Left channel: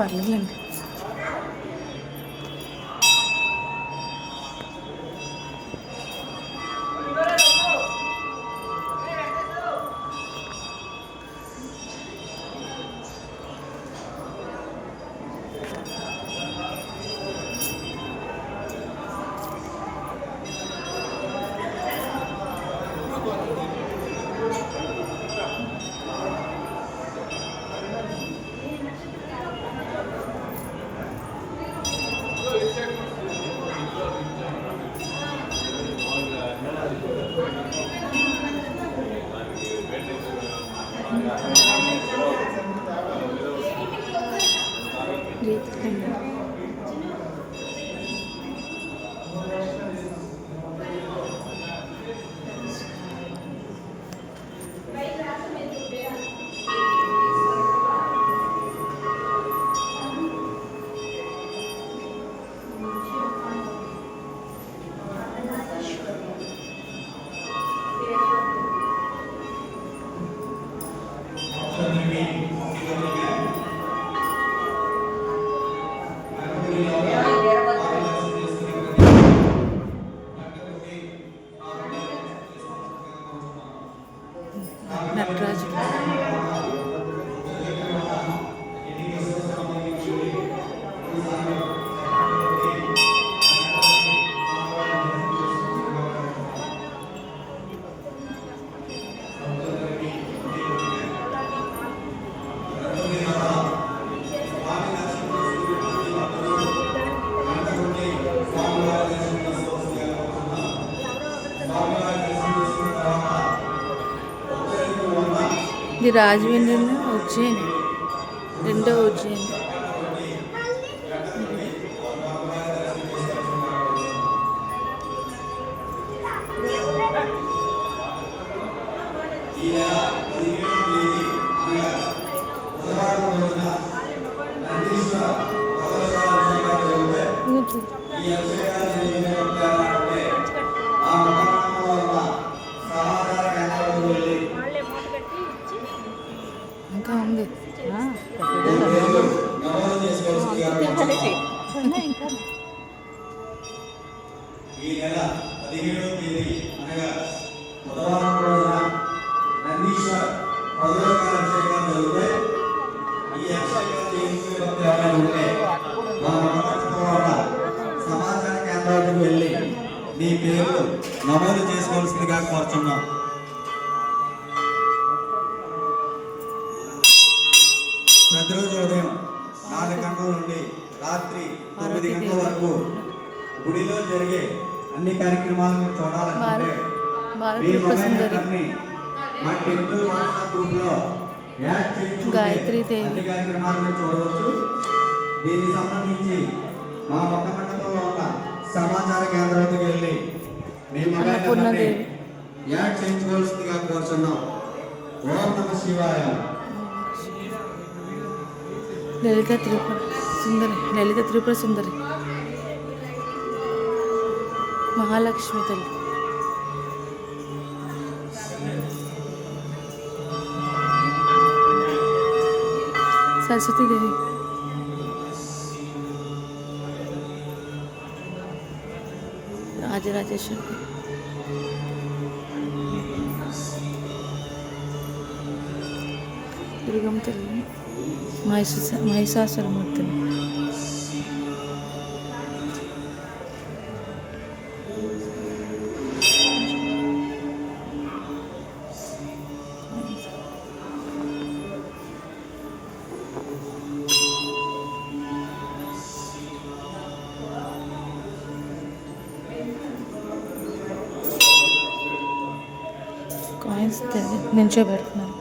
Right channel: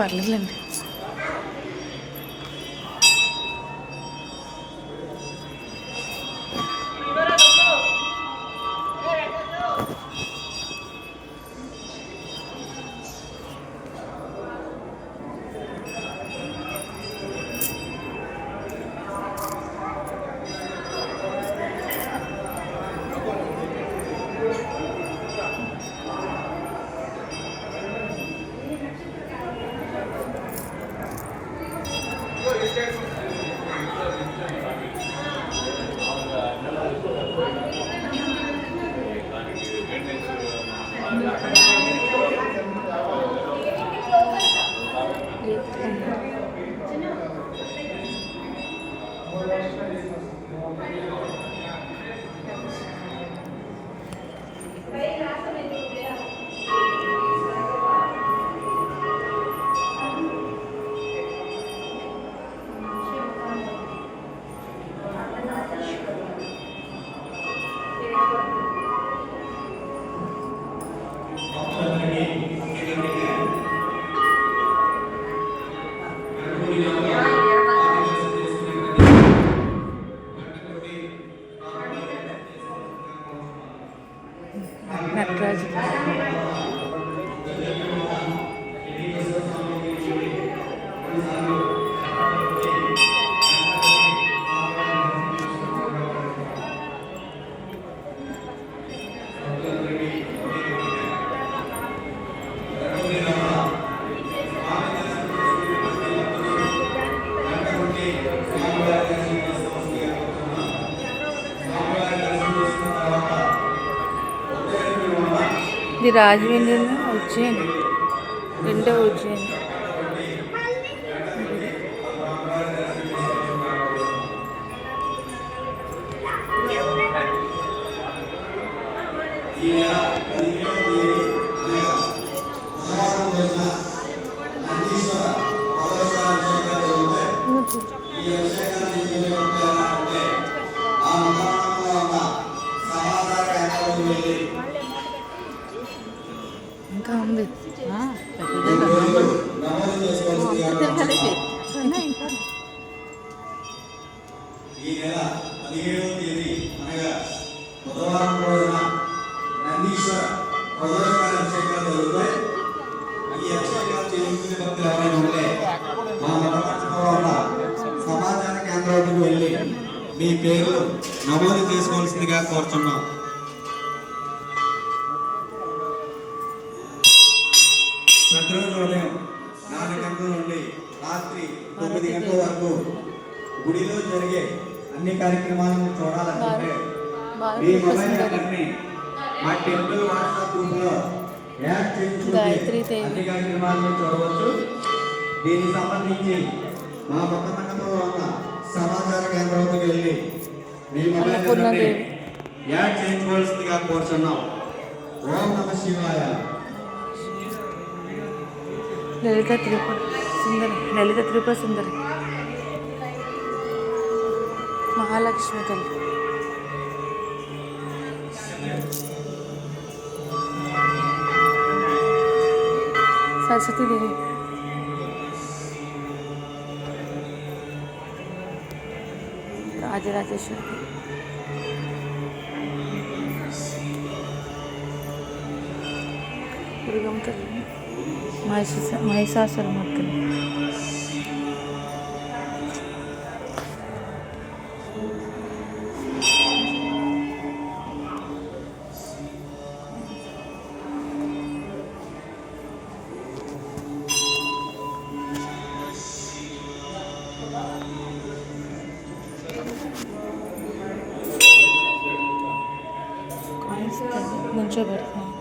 పర్లేదులేండి. నటరాజు ఇది రాజమండ్రి ఉజ్జయిని, రెండో ఉజ్జయిని. ఇంకా ఉంది ఈ నెల 17వ తేదీ అనగా బుధవారం రోజున నందీశ్వర పౌరోహిక అభిషేకాలు జరుగుతాయి. ఈ అభిషేకాలు చేయించుకునే భక్తులు ఎవరైనా ఉంటే మా సమాచార కేంద్రాలకు వెళ్ళి మీ పేరు నమోదు చేసుకోవాల్సిందిగా కోరుతున్నాం. ప్రతిరోజు ఉదయం 4 గంటల నుండి రాత్రి 9 గంటల వరకు గుడిలో జరిగే అన్ని కార్యక్రమాలను చూడాలంటే మీ మొబైల్ నెంబర్ని మా టెంపుల్ వాట్సాప్ గ్రూప్లో యాడ్ చేయించుకుంటే అన్ని కార్యక్రమాలను చూడవచ్చు. దీనికి సంబంధించి మా మొక్క మండపంలో ఉన్న సమాచార కేంద్రానికి వెళ్ళి మీ మొబైల్ నెంబర్ని యాడ్ చేయించుకోవాల్సిందిగా కోరుచున్నాం. ఓం నమః శివాయ. లలిత త్రిపుర సుందరి మహాలక్ష్మి తల్లి, సరస్వతీదేవి, రాజరాజేశ్వరి, దుర్గమ్మ తల్లి, మహిషాసురమూర్తి, నించోబెడుతున్నాను.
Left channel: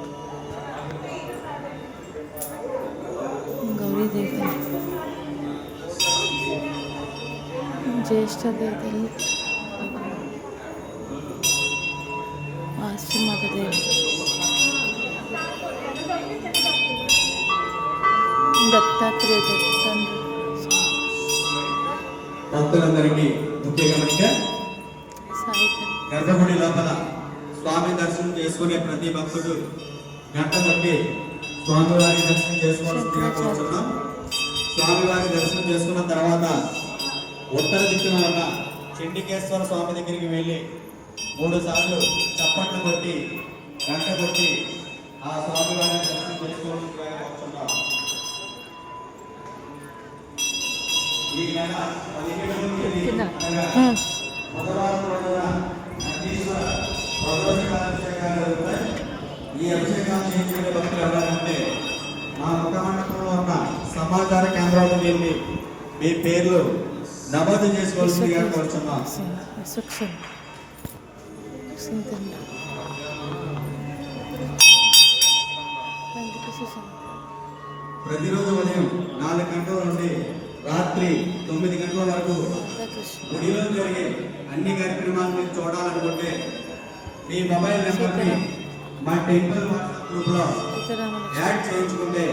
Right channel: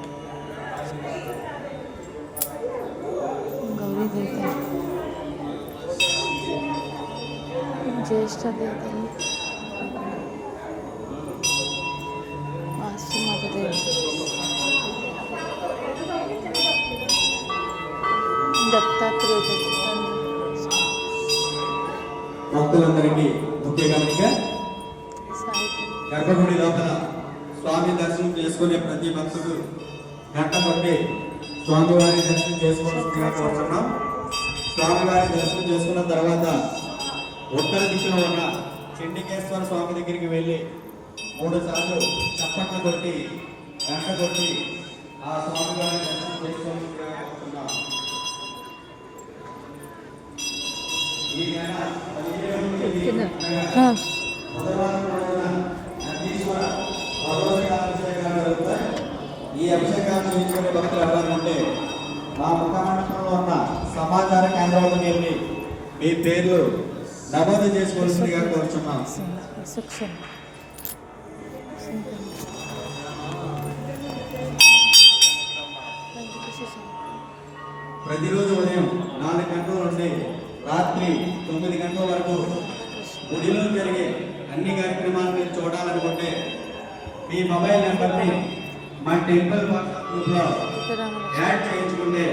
గౌరీదేవి, జ్యేష్ఠ దేవతలు, ఆశ్రమాదేవి, దత్తాత్రేయ భక్తులందరికీ ముఖ్య గమనిక, గర్భగుడి లోపల స్వామి దర్శనం చేసుకునే ప్రతి భక్తుడు గంట బట్టి స్వామివారి దర్శనం చేసుకోవాల్సిందిగా కోరుతున్నాం. స్వామివారి దర్శనం చేసుకున్న తర్వాత ఉత్తర దిక్కున ఉన్న చెండికేశ్వర స్వామి దగ్గరికి వెళ్ళి 3 సార్లు చప్పట్లు కొట్టి గంట కొట్టి ఆ స్వామివారిని దర్శనం చేసుకోవాల్సిందిగా కోరుతున్నాం. ఈ నెల 17వ తేదీ అనగా బుధవారం రోజున నందీశ్వర అభిషేకాలు జరుగుతాయి. ఈ అభిషేకాన్ని చేసుకునే భక్తులు ఎవరంటే మా ముఖమండపంలో ఉన్న సమాచార కేంద్రాలకు వెళ్ళి మీ పేర్లు నమోదు చేసుకోవాల్సిందిగా కోరుచున్నాం. ప్రతిరోజు ఉదయం 4 గంటల నుండి రాత్రి 9 గంటల వరకు గుడిలో జరిగే అన్ని కార్యక్రమాలను చూడాలనుకుంటే మీ మొబైల్ నెంబర్ని మా టెంపుల్ వాట్సాప్ గ్రూప్లో యాడ్ చేయించుకుంటే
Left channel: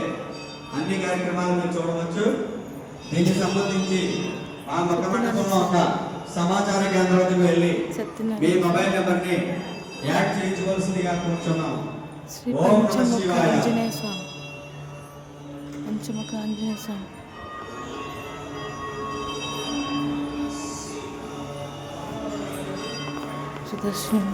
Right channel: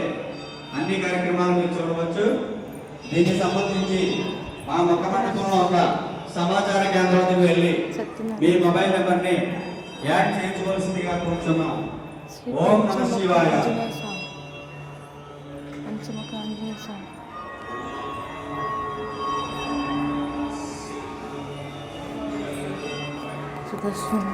అన్ని కార్యక్రమాలు మీరు చూడవచ్చు. దీనికి సంబంధించి మా ముఖమండపంలో ఉన్న సమాచార కేంద్రానికి వెళ్ళి మీ మొబైల్ నెంబర్ని యాడ్ చేయించవలసిందిగా కోరుచున్నాం. ఓం నమః శివాయ. పంచముఖ ఆంజనేయ స్వామి సుదర్శన్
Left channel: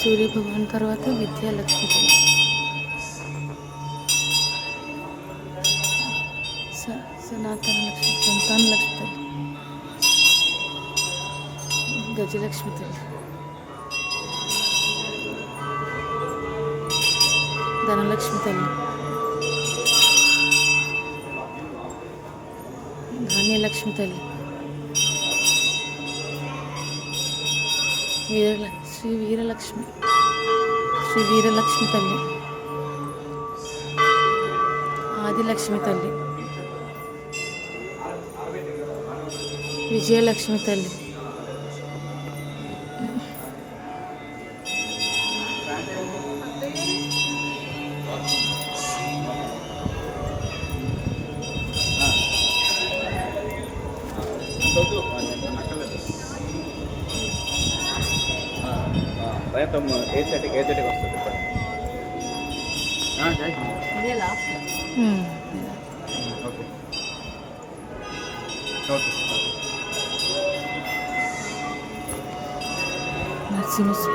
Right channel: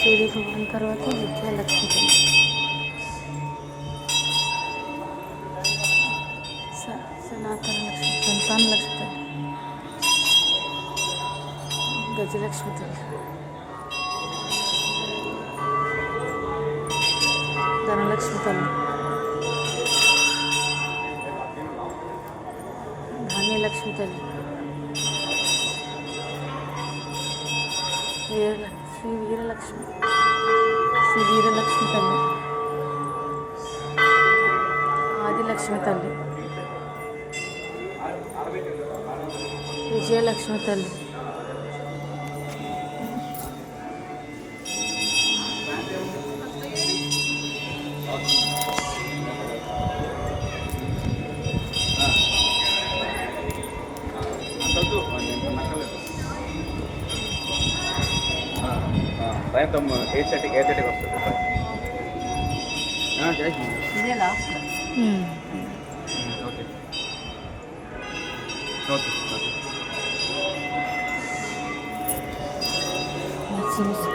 సూర్యభగవాన్ తర్వాత విద్యాలక్ష్మి సనాతన లక్ష్మి సంతాన లక్ష్మి గజలక్ష్మి తల్లి ధనలక్ష్మి తల్లి ధాన్యలక్ష్మి తల్లి శ్రీ వీరలక్ష్మి తల్లి ఆదిలక్ష్మి తల్లి విజయలక్ష్మి తల్లి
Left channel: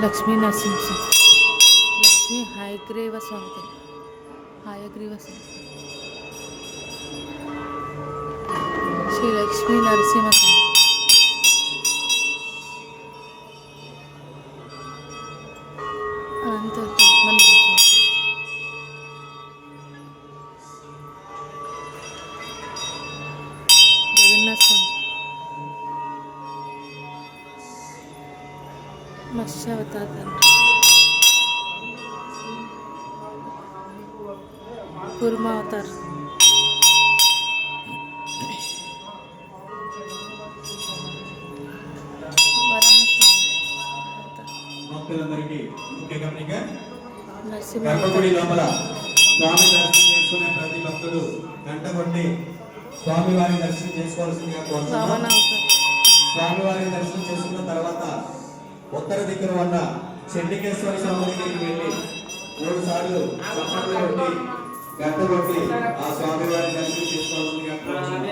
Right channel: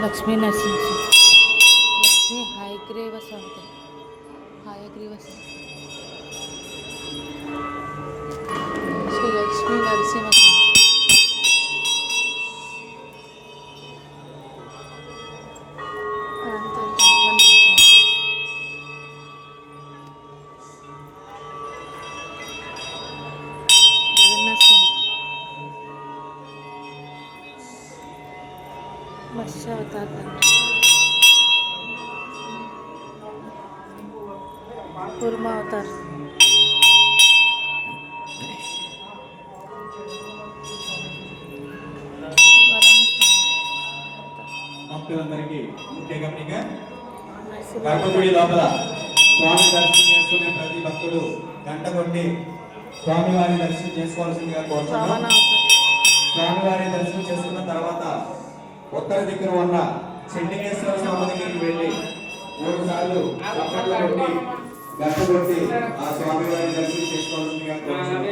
లక్ష్మీ నరసింహ లక్ష్మీ హయగ్రీవ స్వామి శ్రీ లక్ష్మీ నరసింహ స్వామి మత్స్యావతార్ కూర్మావతార్ భక్తులందరికీ ముఖ్య గమనిక గర్భగుడి లోపల స్వామి దర్శనం చేసుకునే ప్రతి భక్తుడు గంట కొట్టి స్వామివారి దర్శనం చేసుకోవాల్సిందిగా కోరుతున్నాం. స్వామివారి దర్శనం చేసుకున్న తర్వాత ఉత్తర దిక్కున ఉన్న చెండికేశ్వర స్వామి దగ్గరికి వెళ్ళి 3 సార్లు చప్పట్లు కొట్టి గంట కొట్టి ఆ స్వామివారి దర్శనం చేసుకోవాల్సిందిగా కోరుతున్నాం.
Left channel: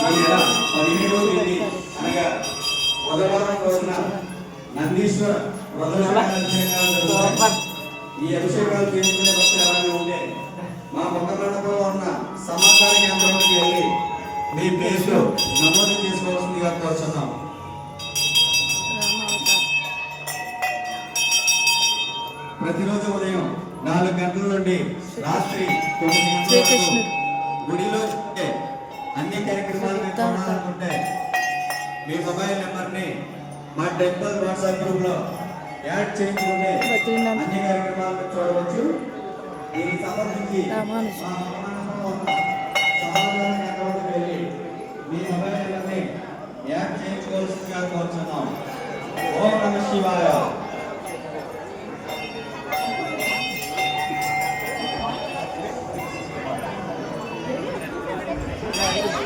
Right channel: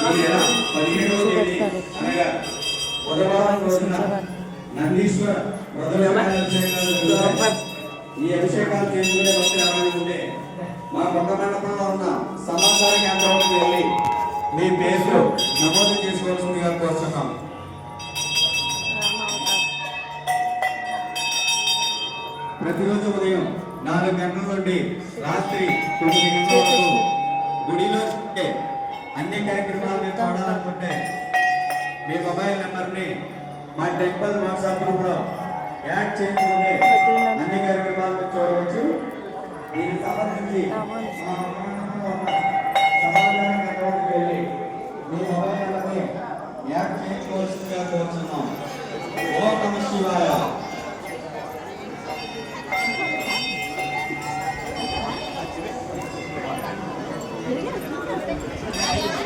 ఈ నెల 17వ తేదీ అనగా బుధవారం రోజున నందీశ్వర అభిషేకాలు జరుగుతాయి. ఈ అభిషేకాలు చేసుకునే భక్తులు ఎవరైనా ఉంటే మా ముఖమండపంలో ఉన్న సమాచార కేంద్రానికి వెళ్ళి మీ పేర్లు నమోదు చేసుకోవాల్సిందిగా కోరుతున్నాం. ప్రతిరోజు ఉదయం 4 గంటల నుండి రాత్రి 9 గంటల వరకు గుడిలో అన్ని కార్యక్రమాలను చూడాలనుకుంటే మీ మొబైల్ నెంబర్ని మా టెంపుల్ వాట్సాప్ గ్రూప్లో యాడ్ చేయించుకుంటే అన్ని కార్యక్రమాలను చూడవచ్చు. దీనికి సంబంధించి మా ముఖమండపంలో ఉన్న సమాచార కేంద్రానికి వెళ్ళి మీ మొబైల్ నెంబర్ని యాడ్ చేయించుకోవాల్సిందిగా కోరుతున్నాం. ఓం నమః శివాయ. వారికి